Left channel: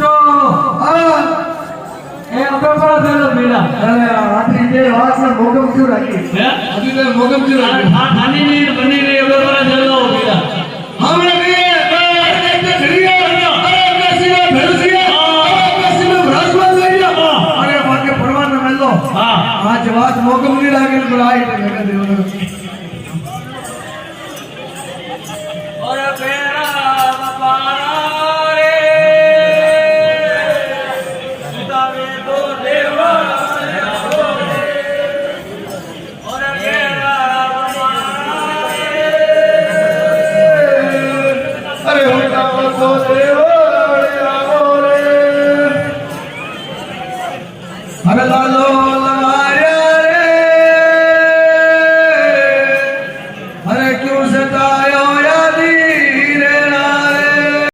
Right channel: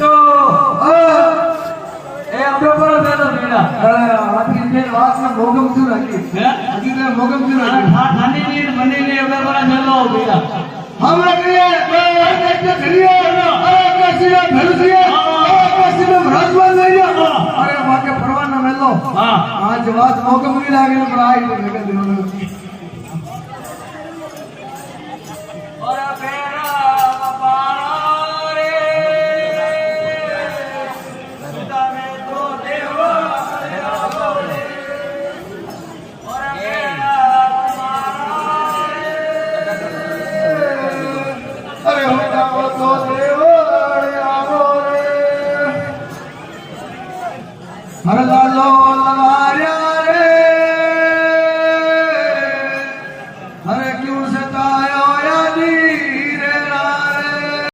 તો એ આપણે પર થયેલો મેળા અરે આથી જે વાત છે મોગમ ક્યું રાખી હે હજી તો મોગમ ક્યું રાખી આ ખાની ની બની ની અબર પર થયેલો મેળા હમણાં કહીએ એટલે કરીએ અરે કસીને ભેળસીએ અરે કસીને ભ્રાસવાદ લઈએ અરે વાકે પરવાનો મેલો હા આજ વાત મોગમ ની લાગી ને આઈ ને લગા દેવાનો ઓરે પેરા બારા રે સુદાવે તો દેવા આવો રે ઓરે પેરા બારા રે અરે હું તો